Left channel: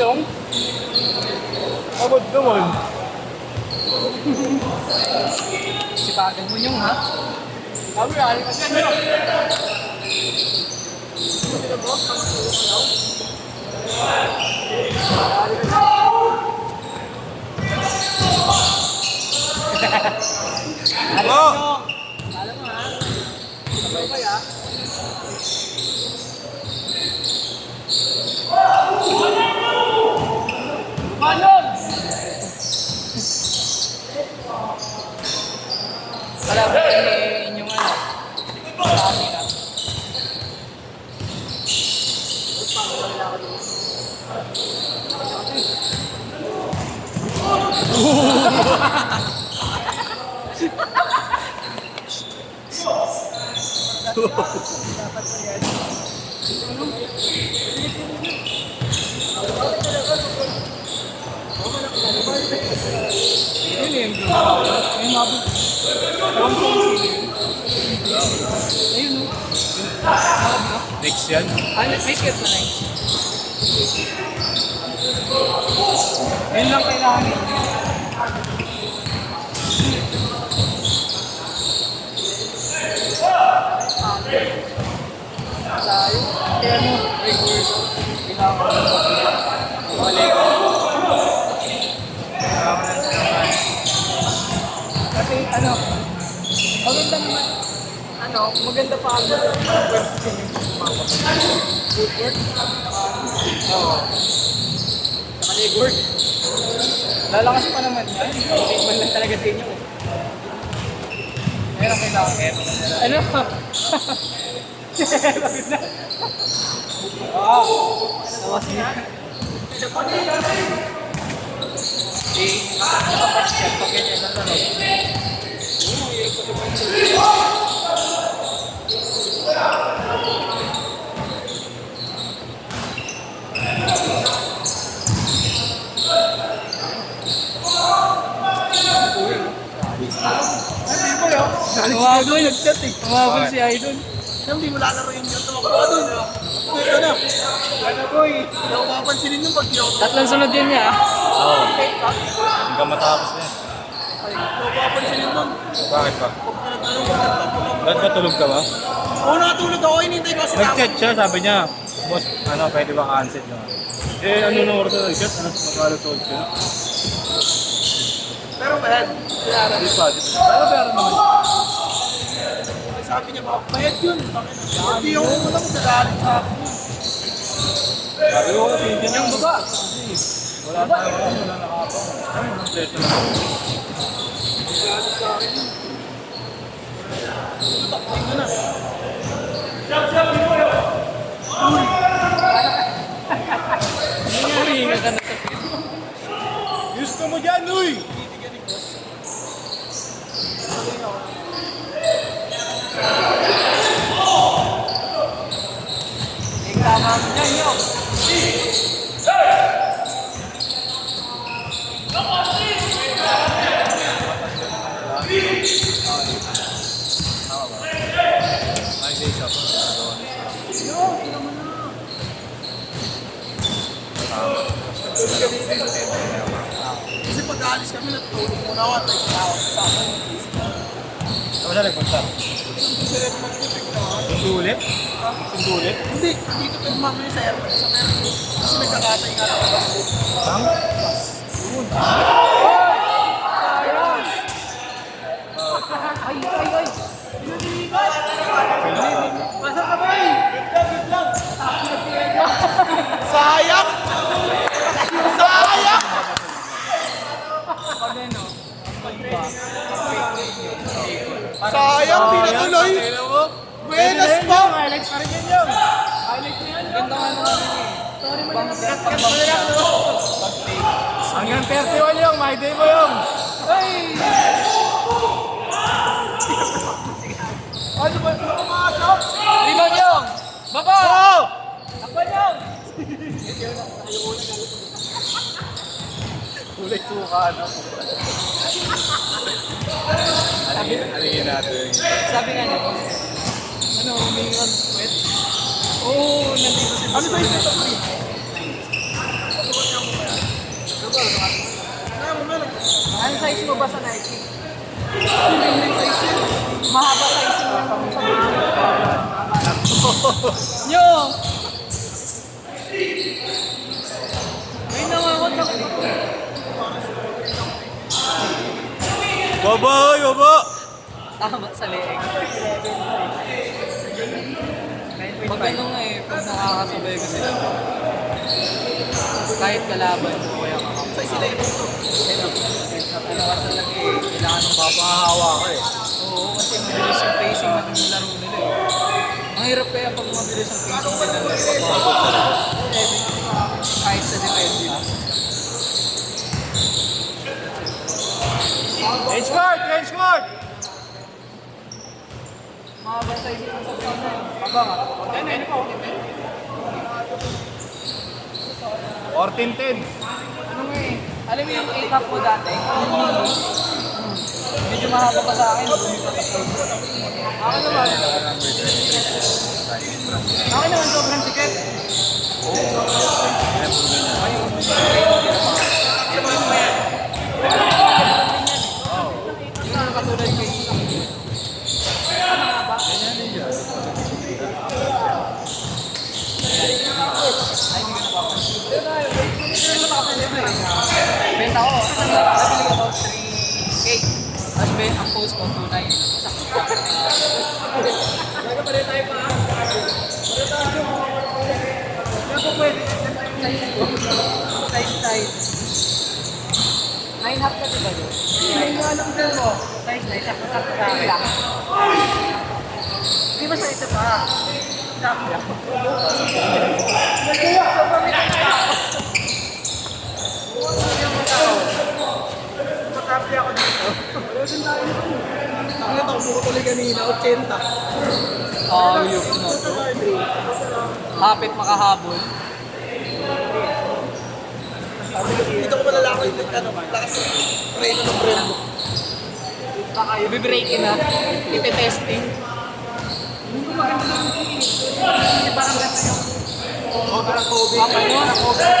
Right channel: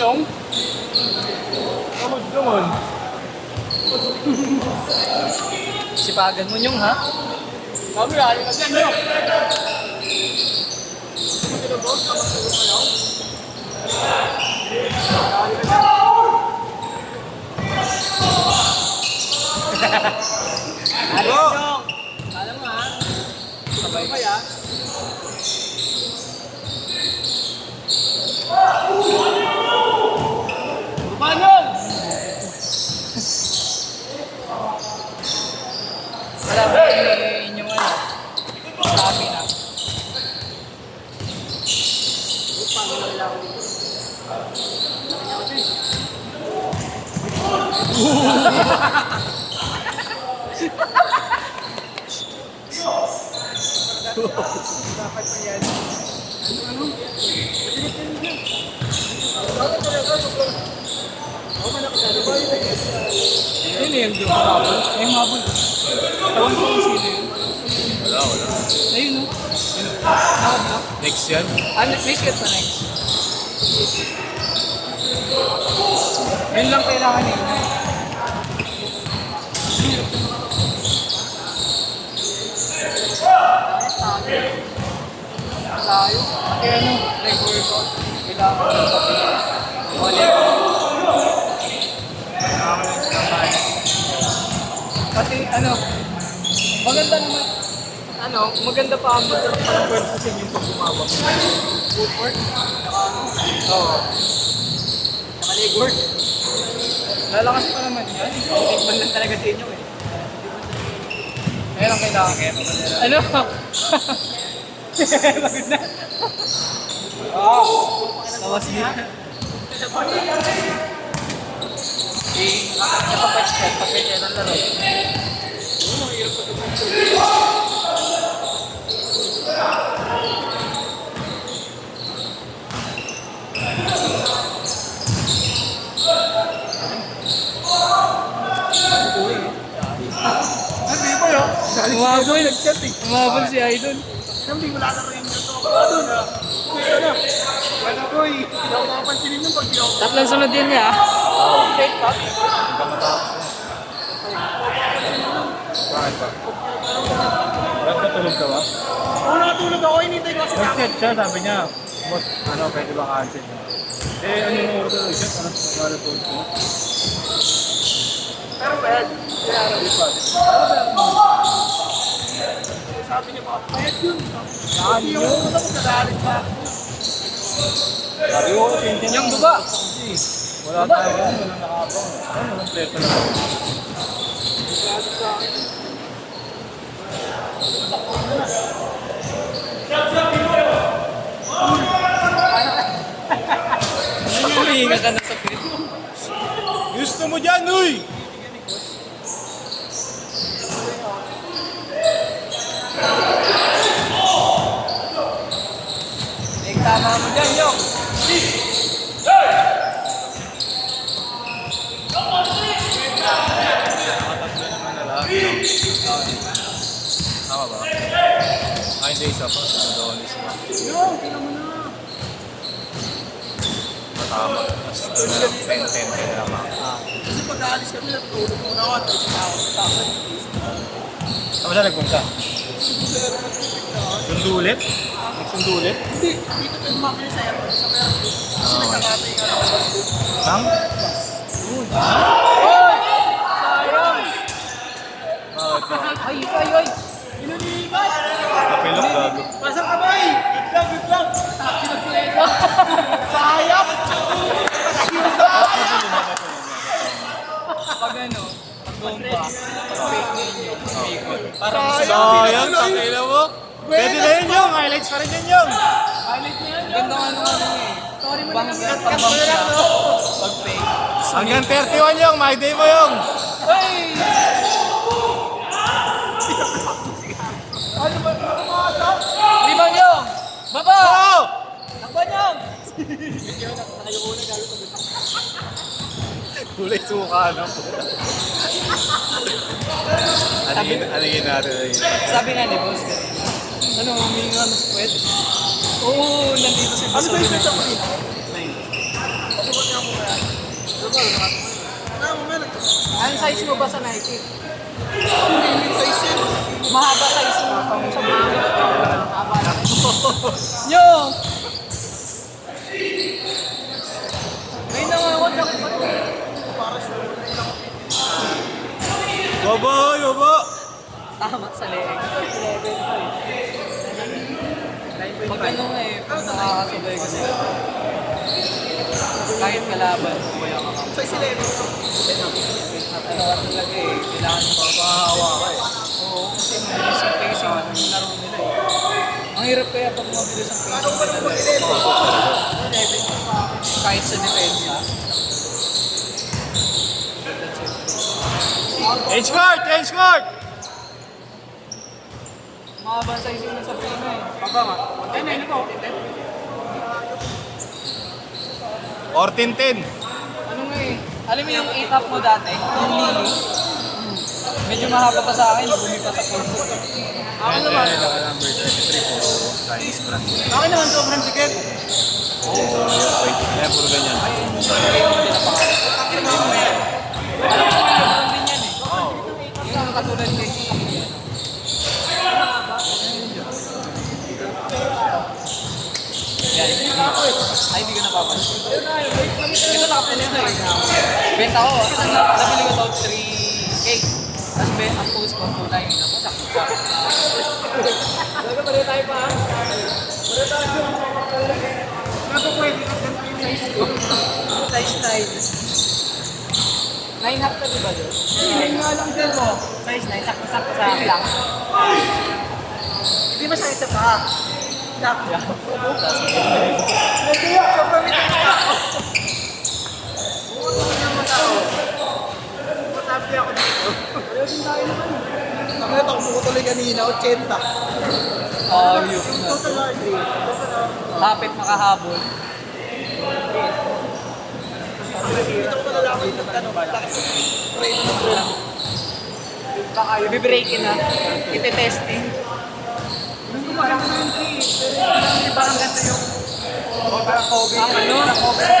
yung? Abot naman. Sipagan mo yung ha? Kami ayun kasi. Halo! Alam mo ha? Sabay kaya? Manon! Wala ba inyong ano? Marami na. Ayun eh, yung mabot. Ewan ko kung sino yun. Ayun mo. Next yan. Ano, may cute na lang. Yun lang kailangan ninyo. Kaya ano, record ko. Kailangan ng pagkita. Kasi ano, maganda naman. Ano, maganda pa ang web sa inyo kung sumabak. Good work. Oo. Nakaligward. Lalakas pa naman yan. Iban lang talaga sa inyo eh. Meron kailangan. Ano? Pagod na. Tawas na. Nakapag-step pag ganyan ang laro. Hindi mo yun. Umabol. Umabol si Idol. Hindi mo lalaroin yung tumakbo. Wala boy. Wala pansinin yung pag-iyo. Tatlong sunod yun niya. Hanggang matapos na yan. Bakit ba? Ba't katulog ka ba? Oo, nakatulog ako. Hinintay ko kasi Nag-chat siya, sabi niya, boss, ano, pwede bang answer na? Eh, ano na order ng shot? Ano, magkakatulog siya? Pero bad. Hindi pa, di ba? Ano ba yan? Sabi niya ba, mayat yun. Hindi ako kumuna magdadalit sa akin yun. Sabi ko, pinsin Yung buga. Wala tayo, wala nakapang. Ano, walang pwesto na. Huminga ka na sa pit. Gusto mo dyan, uy! Tama dyan yun. Ay, days up. Kasi pag aalis kami, natutulog muna ako at may tinawag sa akin. Saan siya nagpunta? Kasi nag-tupik na ako. Sundo ulit? Sundo ulit? Hindi, dito tayo mamaya sa airport, sa airport. Kasi nagkakatay nga ng bus doon. Ang? Ay, ay, ay. Masa ka ba eh? Sayang! Sayang! Pag ano, Sayang! Pinatuloy! Kailan mo? Pwede Buenas na yun pa! yung highlights pa rin yun yung. ganda nga naman eh. Sorry mo lang. Hanggang 31 yung, my day mo yung. Rebound yung! Baba! Oh! Rebound yung! Kulay suka, ano? Alingin natin. Sabi nga niya, boss. Ano, humingi nga ng sweat? Oo, nandito si Ano boss. sa isip sa pagkita? Mahaba size mo. Yo! Ay, nawawag ako. Baba, baba! Tama sa leeg. Pag ano nga eh, pag nakakasabay ka sila, kahit kalaban mo, kaya kakamay. Ano ka talaga eh, kailangan mo papahawa ko eh. Oo, kasi mabilis yung pacing ng laro nila eh. Ang hirap kaya pag mabilis ang pacing din ng laro, papahabot talaga. Kahit sa defense. Edge guard! Edge guard! Mahaba sa isip mo sa pacing. Aba nga, 10 ko, 14-10. ano eh, alam mo yung 8-half mo dati? Medyo mahaba pa sa akin, lumipas sa first. Bakit naman sobrang sikip? Pakinabahan mo yan. Yung katulad kay ay, hindi ka napapansin. Ito na ako na eh. Benta ko, nabili ko about 3K. Tapos ang post ko, 2.9. Sakto pa. Ano pwede? Size 9. 9 half na diba yun? Hindi nga lang din mo. Size 9, sakto-sakto sa akin. Hindi ba sa isa pa? Sakto. Matabi ako dito. Nakita ko mo tuloy kanina, 80. Ayok na to. Hapit makahabol. Dito ko malalaki yung taas. Rate ng brand. Baka i-break na. Ite-testing. Hindi ko maganda yung iba ang ganda yung Ang ano,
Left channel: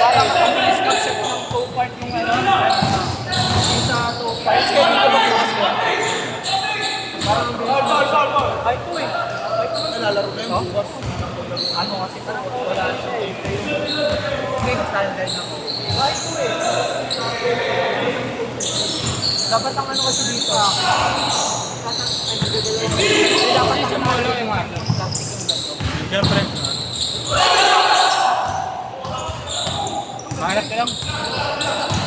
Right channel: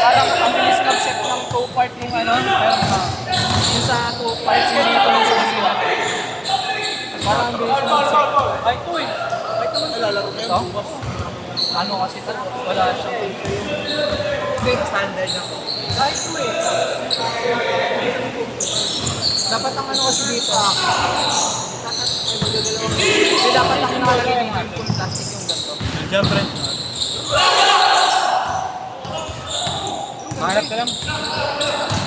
parang ang bilis mag-set ng two-part ng ano. Yung sa two-part, hindi ko mag-set. Parang ang bilis mag-set. Ay, ito eh. lalaro na yung bukas. Ano kasi ito, wala siya eh. Okay, standard na. Ay, ito eh. Dapat ang ano kasi dito. Dapat yung sinunod yung ano. Plastic yung gato. Siyempre. Hanap ka lang.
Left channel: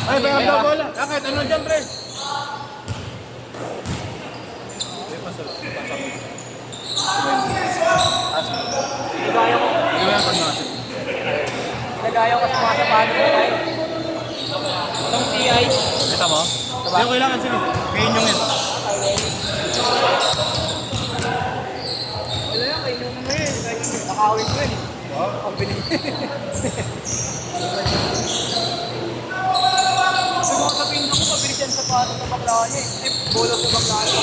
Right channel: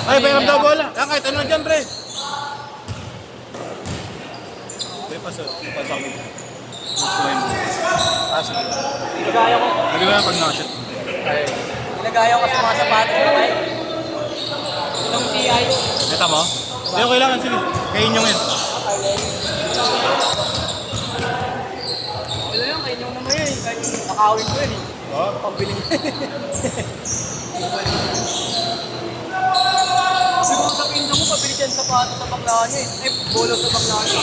Ay, bayram daw bola. Kahit ano dyan, pre. May pasok. Hindi ko na pag nakasip. Nag-ayaw kasi mga sapato. Itong si Ayo. Kita mo? Hindi ko kailangan sige. Kain yung yun. Wala yan, kayo naman yun. Kahit yung nakawin ko yun eh. Pambili. Yung pagkakin ko, pabili siya sa pato sa paglaan niya eh. Bolo sa paglaan niya.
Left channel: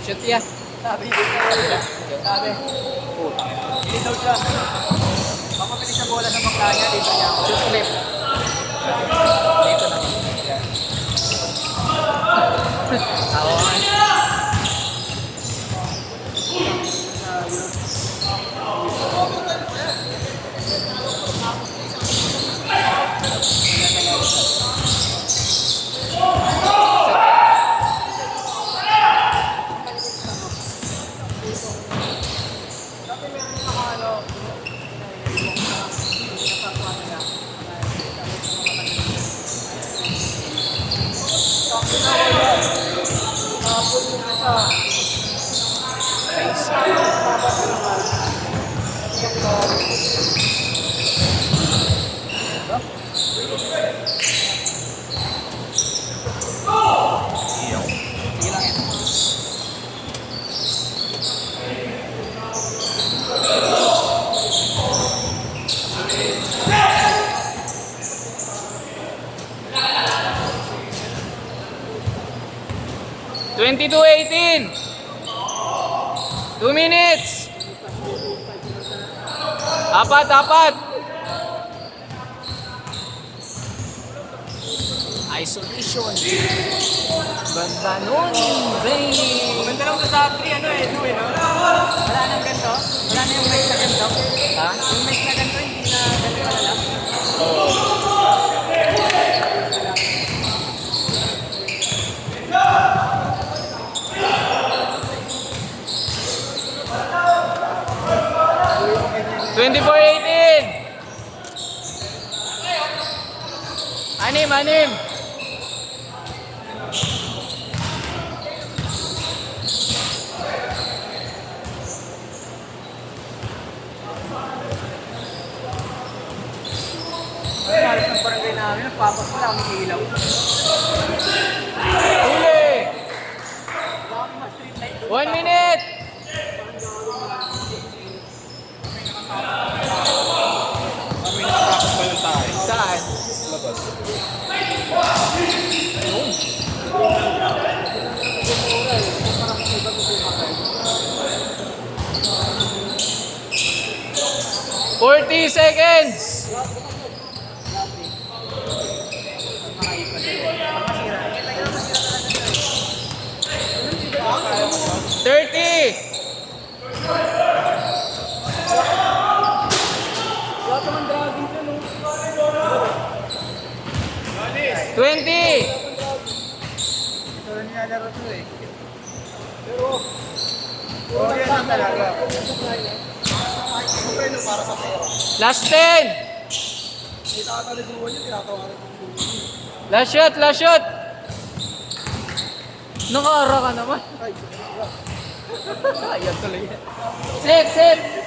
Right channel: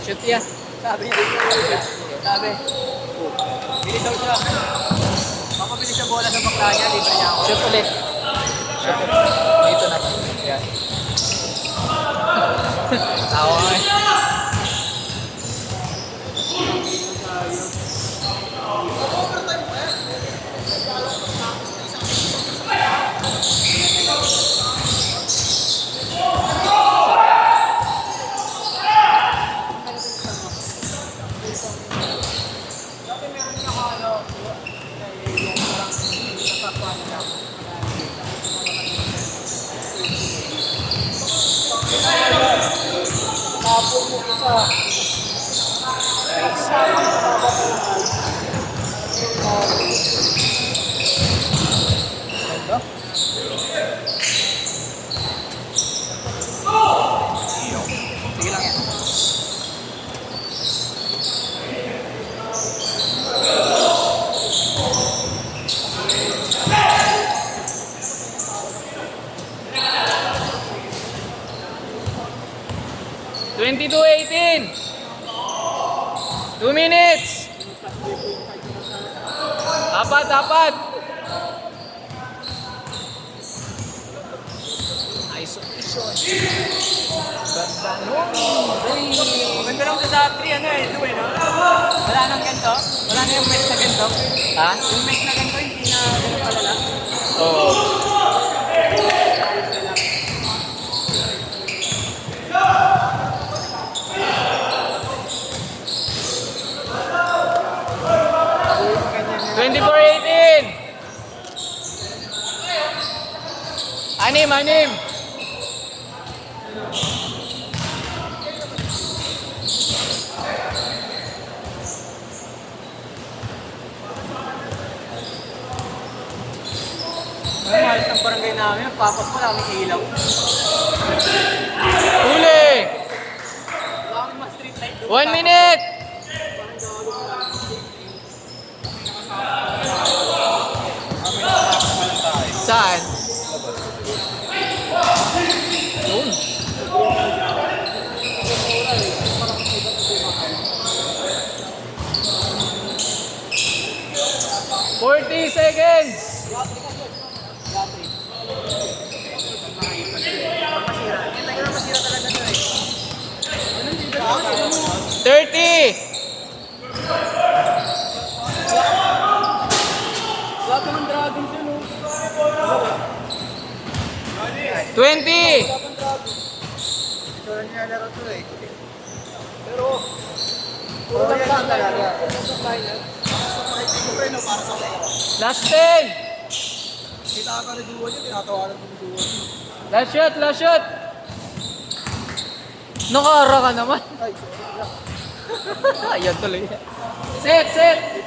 Shoot ya. Sabi niya. Sabi. Bili daw siya. Pagpabili siya bola sa paglaan niya, dito niya. Shoot ulit. Dito na. Yan. Tawa mo eh. Tapos yung isa. Isa yung papapalaman. Sige lang yan. Twenty-two 18. 2 minutes. Apat. Isolation. Dombanon. Zay. Maganda lang sa 3, ano eh, 2 eh, no? Wala nang ganito. Wala na yung mesh na ganito. Ha? Yung mesh na ganito, hindi na ganito wala. Ganyan. 24-18. Anim. Ay, sa barangay namin, nagpapas ko lang, may ilaw. Huli. Wala kami mag-street light. 1 minute. Kami nakatapos ba yung tayo? Saan? Labas. Yun. $40 seconds. $30. Wala pa ng dragon dyan, no? 20. Ito na nilalaro to eh. Pero, oh, yan lang talaga. Last 10. Last shot. Nakara ka naman. Ayan tuloy. Set.